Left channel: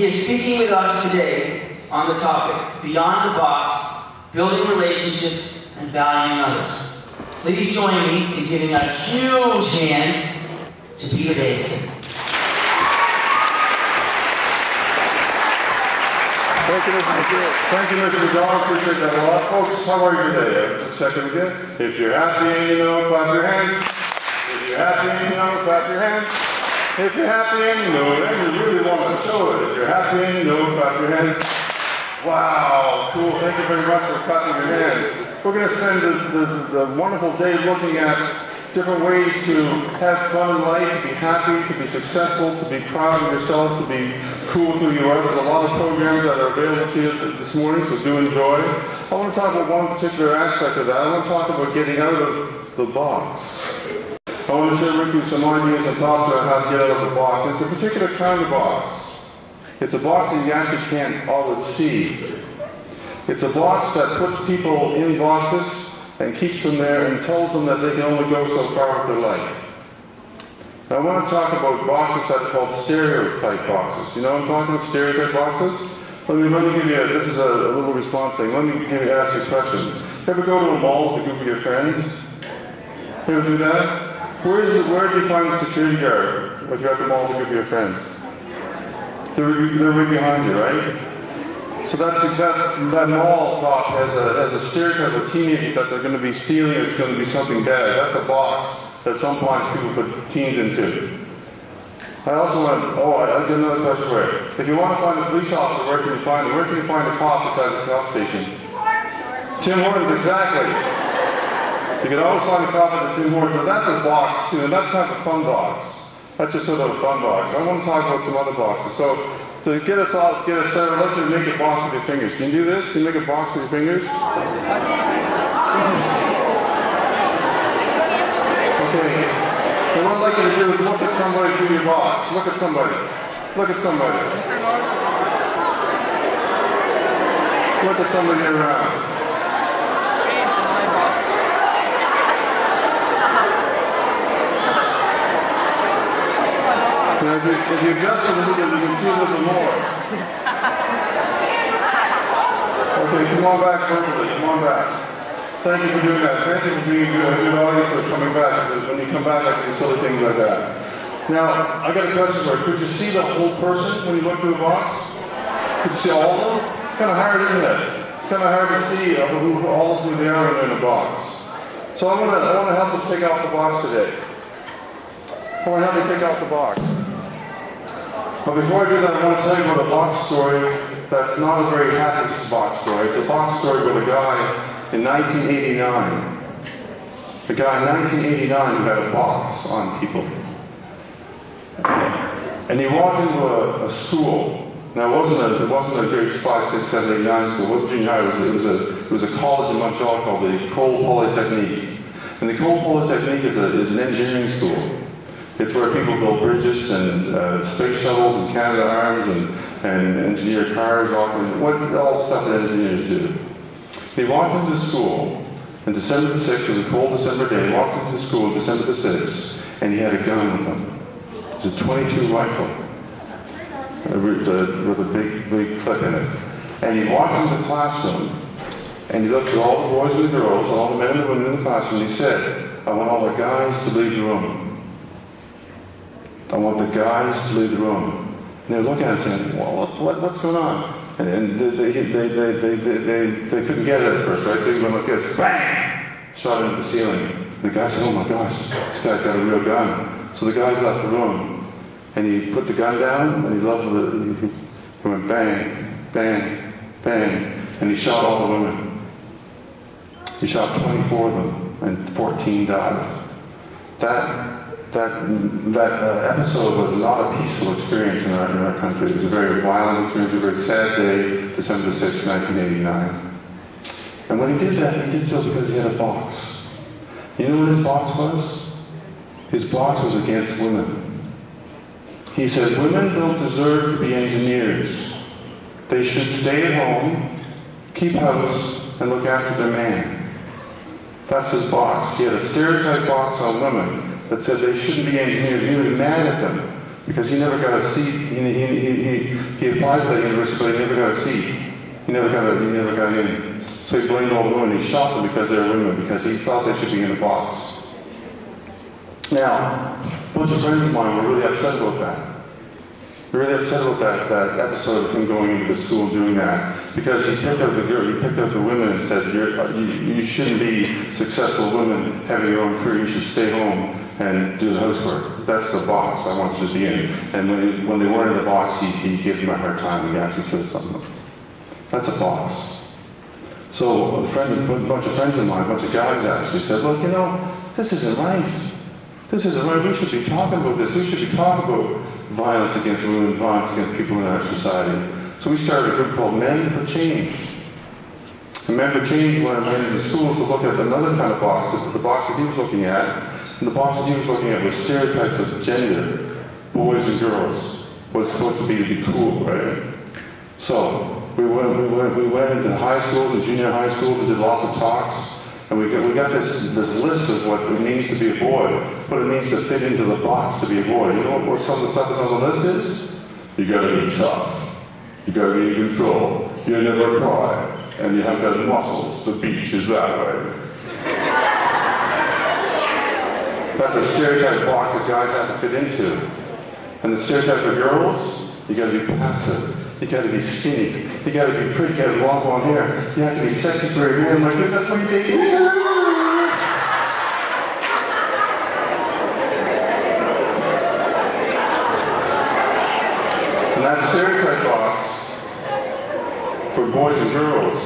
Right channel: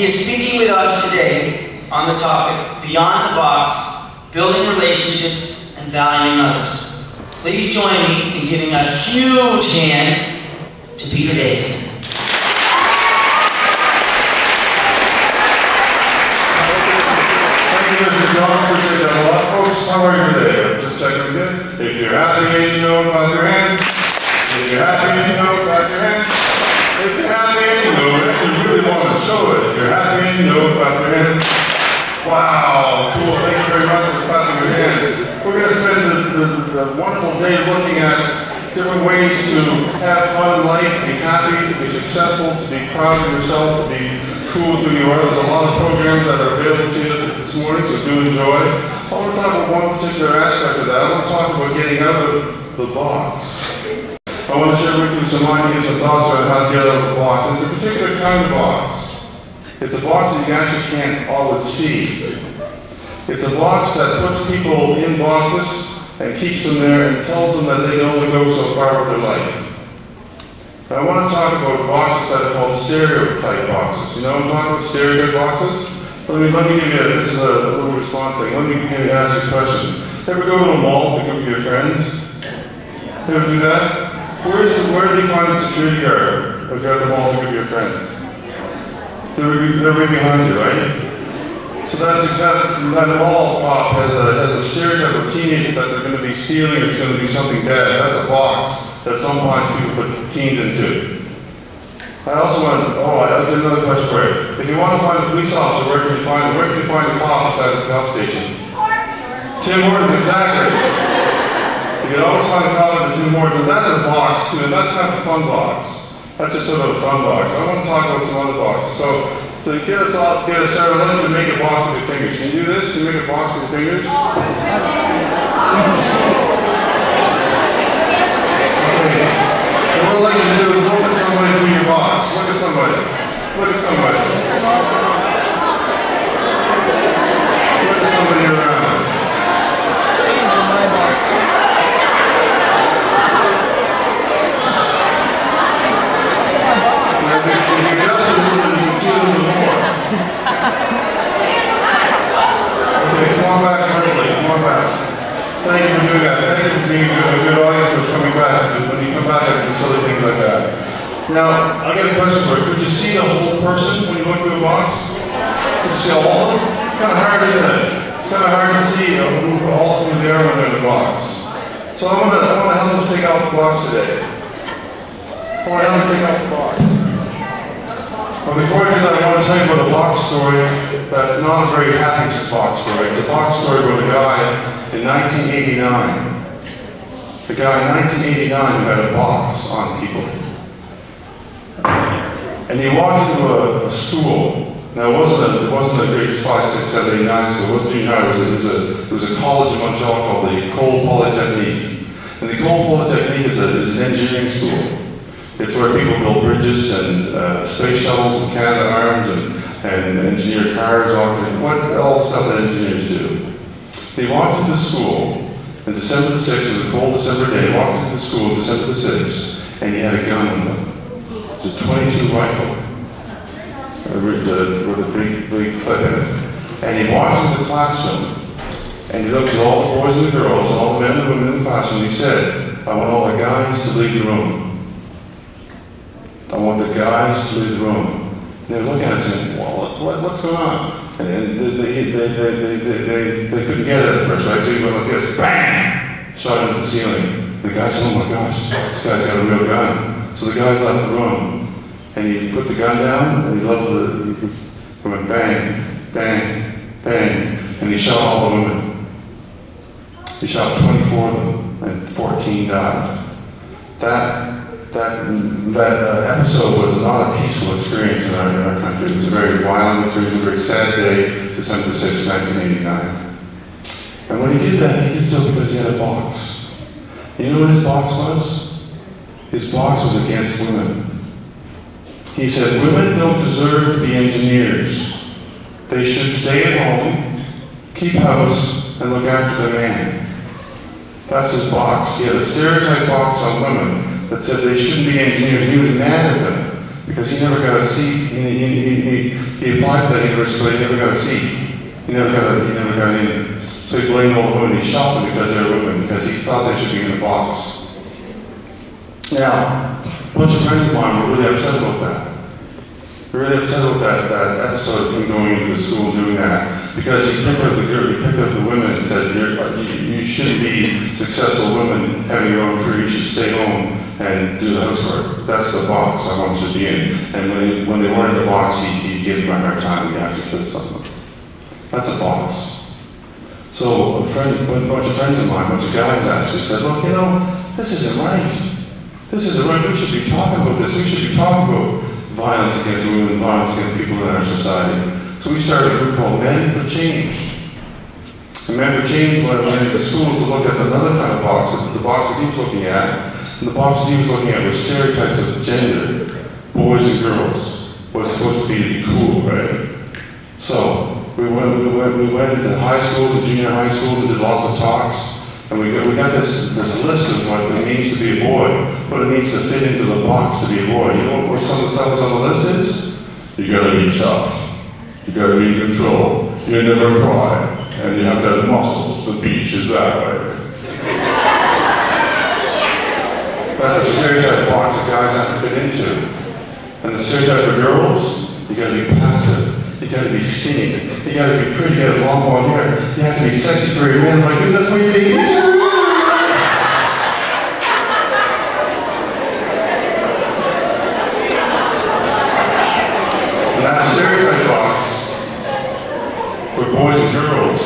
He is speaking with us today on the topic, Beyond the Box, Building Relationships and Valuing Others. Please join me in giving a huge hand to Peter Davison. Thank you, Mr. McDonald. Appreciate that a lot. Folks, how are you today? I'm just checking with you. If you're happy and you know it, clap your hands. If you're happy and you know it, clap your hands. If you're happy and you know it, and you really want to show it. If you're happy and you know it, clap your hands. Wow, cool. Thank you very much for clapping your hands. We're going to spend the wonderful day looking at different ways to have fun in life, to be happy, to be successful, to be proud of yourself, to be cool with who you are. There's a lot of programs that are available to you this morning, so do enjoy. I want to talk about one particular aspect of that. I want to talk about getting out of the box. I want to share with you some ideas and thoughts on how to get out of the box. It's a particular kind of box. It's a box that you actually can't always see. It's a box that puts people in boxes and keeps them there and tells them that they can only go so far with their life. Now, I want to talk about boxes that are called stereotype boxes. You know what I'm talking about, stereotype boxes? Let me give you, this is a little response thing. Let me ask you a question. Ever go to a mall to go with your friends? You ever do that? Where do you find the security guard if you're at the mall to go with your friends? They're right behind you, right? So that mall cop has a stereotype of teenagers that they're going to be stealing or it's going to be something bad. That's a box that sometimes people put teens into. I also want to, I'll get another question for you. If you want to find a police officer, where can you find him? Where can you find a cop besides the cop station? Tim Hortons, exactly. You can always find a cop at the Tim Hortons, and that's a box too, and that's kind of a fun box. That's just sort of a fun box. I want to talk about some other boxes. So to get us started, I'd like you to make a box with your fingers. Can you do this? Can you make a box with your fingers? Okay. And what I'd like you to do is look at somebody through your box. Look at somebody. Look at somebody. Look at somebody around. Now, if you adjust it a little bit, you can see a little bit more. Okay, come on back vertically. Come on back. Thank you for doing that. Thank you for being a good audience for coming back. Because when you come back, I can do silly things like that. Now, I got a question for you. Could you see the whole person when you look through a box? Could you see all of them? It's kind of hard, isn't it? It's kind of hard to see all of who they are when they're in a box. So I want to help us take off the box today. I want to help you take off the box. But before I do that, I want to tell you about a box story that's not a very happy box story. It's a box story about a guy in 1989. A guy in 1989 who had a box on people. And he walked into a school. Now it wasn't a grades 5, 6, 7, 8, 9 school. It wasn't junior high. It was a college in Montreal called the Cole Polytechnique. And the Cole Polytechnique is an engineering school. It's where people build bridges and space shuttles and Canadarms and engineer cars, all the stuff that engineers do. He walked into school on December the 6th, it was a cold December day, he walked into school on December the 6th, and he had a gun with him. It was a .22 rifle with a big clip in it. And he walked into the classroom, and he looked at all the boys and the girls, and all the men and the women in the classroom, and he said, I want all the guys to leave the room. I want the guys to leave the room. And they were looking at it saying, well, what's going on? And they couldn't get it at first, right? So he went like this, bang! Shot into the ceiling. The guy said, oh my gosh, this guy's got a real gun. So the guys left the room. And he put the gun down, and he went bang, bang, bang. And he shot all the women. He shot 24 of them, and 14 died. That episode was not a peaceful experience in our country. It was a very violent experience, a very sad day, December the 6th, 1989. And when he did that, he did so because he had a box. You know what his box was? His box was against women. He said, women don't deserve to be engineers. They should stay at home, keep house, and look after their man. That's his box. He had a stereotype box on women that said they shouldn't be engineers. He was mad at them because he never got a seat. He applied for that university, but he never got a seat. He never got in. So he blamed all the women. He shot them because they were women, because he thought they should be in a box. Now, a bunch of friends of mine were really upset about that. They're really upset about that episode of him going into the school and doing that, because he picked out the girl, he picked out the women and said, you shouldn't be successful women having your own career. You should stay home and do the housework. That's the box I want you to be in. And when they weren't in the box, he gave them a hard time and he actually killed something. That's a box. So a bunch of friends of mine, a bunch of guys actually said, look, you know, this isn't right. This isn't right. We should be talking about this. We should be talking about violence against women, violence against people in our society. So we started a group called Men for Change. And Men for Change went into the schools to look at another kind of box, the box that he was looking at. And the box that he was looking at was stereotypes of gender, boys and girls, what's supposed to be cool, right? So we went into high schools and junior high schools and did lots of talks. And we got this list of what it means to be a boy, what it means to fit into the box to be a boy. You know what some of the stuff that's on the list is? You gotta be tough. You gotta be in control. You never cry. And you have to have muscles. The beach is that way. That's a stereotype box that guys have to fit into. And the stereotype for girls, you gotta be passive. You gotta be skinny. You gotta be pretty. You gotta have long blonde hair. You have to be sexy for your man. Like, good enough for you, baby. And that stereotype box for boys and girls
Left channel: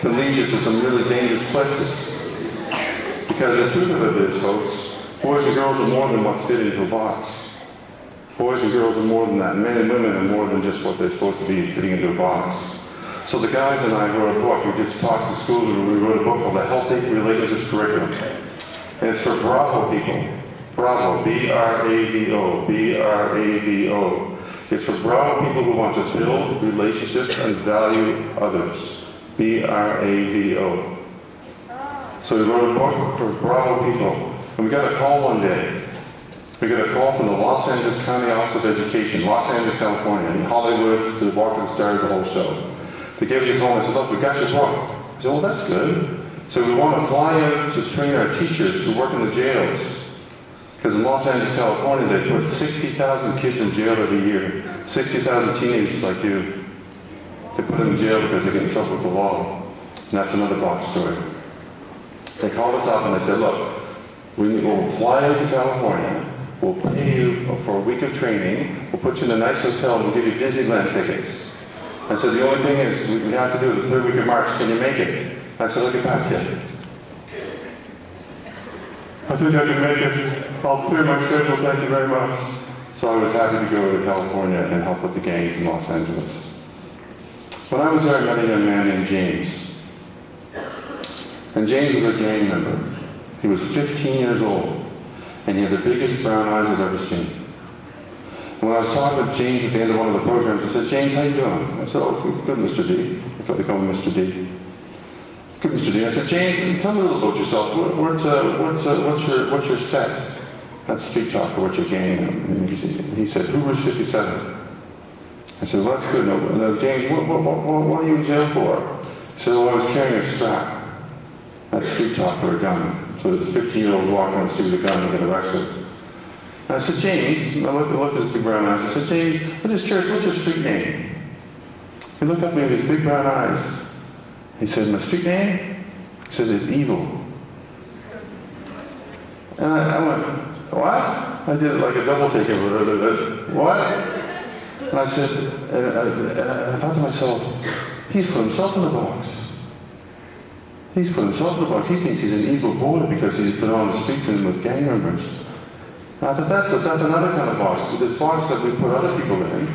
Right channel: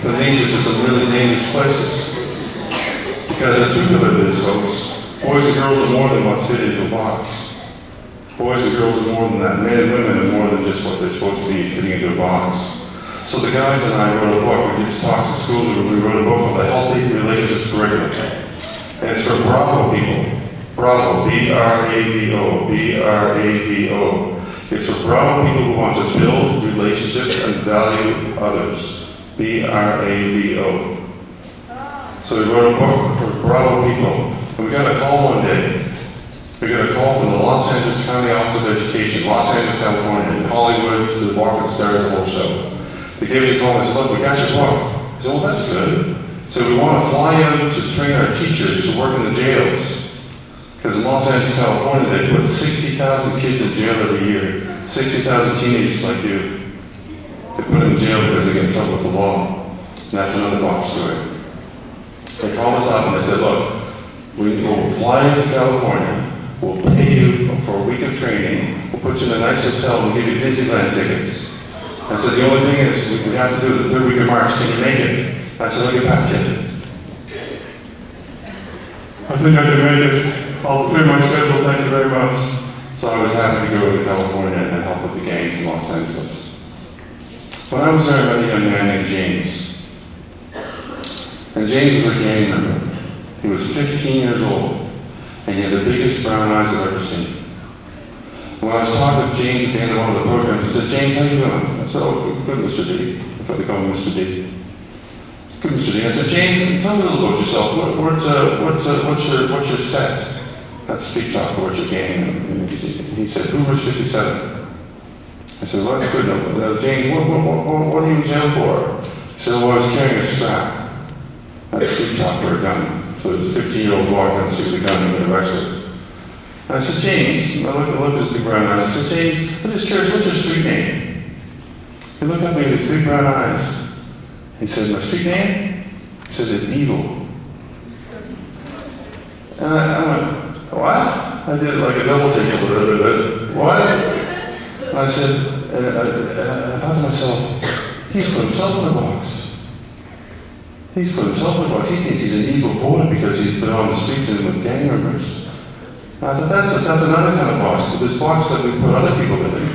can lead you to some really dangerous places. Because the truth of it is, folks, boys and girls are more than what's fit into a box. Boys and girls are more than that. Men and women are more than just what they're supposed to be fitting into a box. So the guys and I wrote a book. We did talks at school. We wrote a book called The Healthy Relationships Curriculum. And it's for Bravo people. Bravo, B-R-A-V-O, B-R-A-V-O. It's for Bravo people who want to build relationships and value others. B-R-A-V-O. So we wrote a book for Bravo people. And we got a call one day. We got a call from the Los Angeles County Office of Education, Los Angeles, California, in Hollywood, to the Walk of the Stars, the whole show. They gave us a call and said, look, we got your book. I said, well, that's good. So we want to fly out to train our teachers who work in the jails. Because in Los Angeles, California, they put 60,000 kids in jail every year. 60,000 teenagers like you. They put them in jail because they get in trouble with the law. And that's another box story. They called us up and they said, look, we will fly out to California. We'll pay you for a week of training. We'll put you in a nice hotel. We'll give you Disneyland tickets. I said, the only thing is, we have to do the third week of March. Can you make it? I said, I'll get back to you. I think I can make it. I'll clear my schedule. Thank you very much. So I was happy to go to California and help with the gangs in Los Angeles. When I was there, I met a young man named James. And James was a gang member. He was 15 years old. And he had the biggest brown eyes I've ever seen. And when I was talking with James at the end of one of the programs, he said, James, how you doing? I said, oh, good, Mr. D. I thought they called me Mr. D. Good, Mr. D. I said, James, tell me a little about yourself. What's your set? That's street talk for what you're gang. And he said, Hoover's 57. I said, well, that's good. No, James, what are you in jail for? He said, well, I was carrying a strap. That's street talk for a gun. So there's a 15-year-old walking down the street with a gun and got arrested. And I said, James, I looked at his big brown eyes. I said, James, I'm just curious, what's your street name? He looked at me with his big brown eyes. He said, my street name? He says, it's Evil. And I went, what? I did like a double take. What? And I said, and I thought to myself, he's put himself in a box. He's put himself in a box. He thinks he's an evil boy because he's been on the streets and with gang members. And I thought that's another kind of box. There's boxes that we put other people in.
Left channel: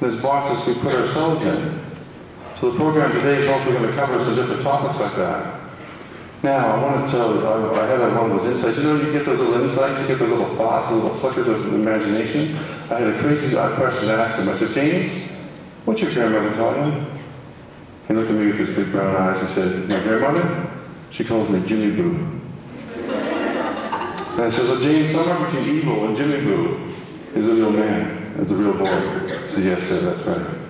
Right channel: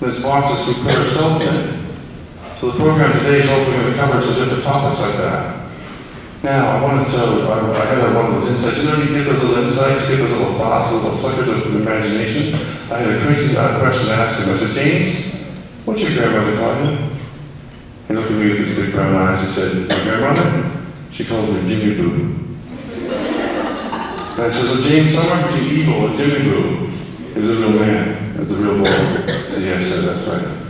There's boxes we put ourselves in. So the program today is hopefully going to cover some different topics like that. Now, I wanted to, I had one of those insights. You know, you get those little insights, you get those little thoughts, little flickers of imagination. I had a crazy question to ask him. I said, James, what's your grandmother call you? He looked at me with his big brown eyes. He said, my grandmother? She calls me Jimmy Boo. And I said, well, James, somewhere between Evil and Jimmy Boo, is a real man, is a real boy. So yes, sir, that's right.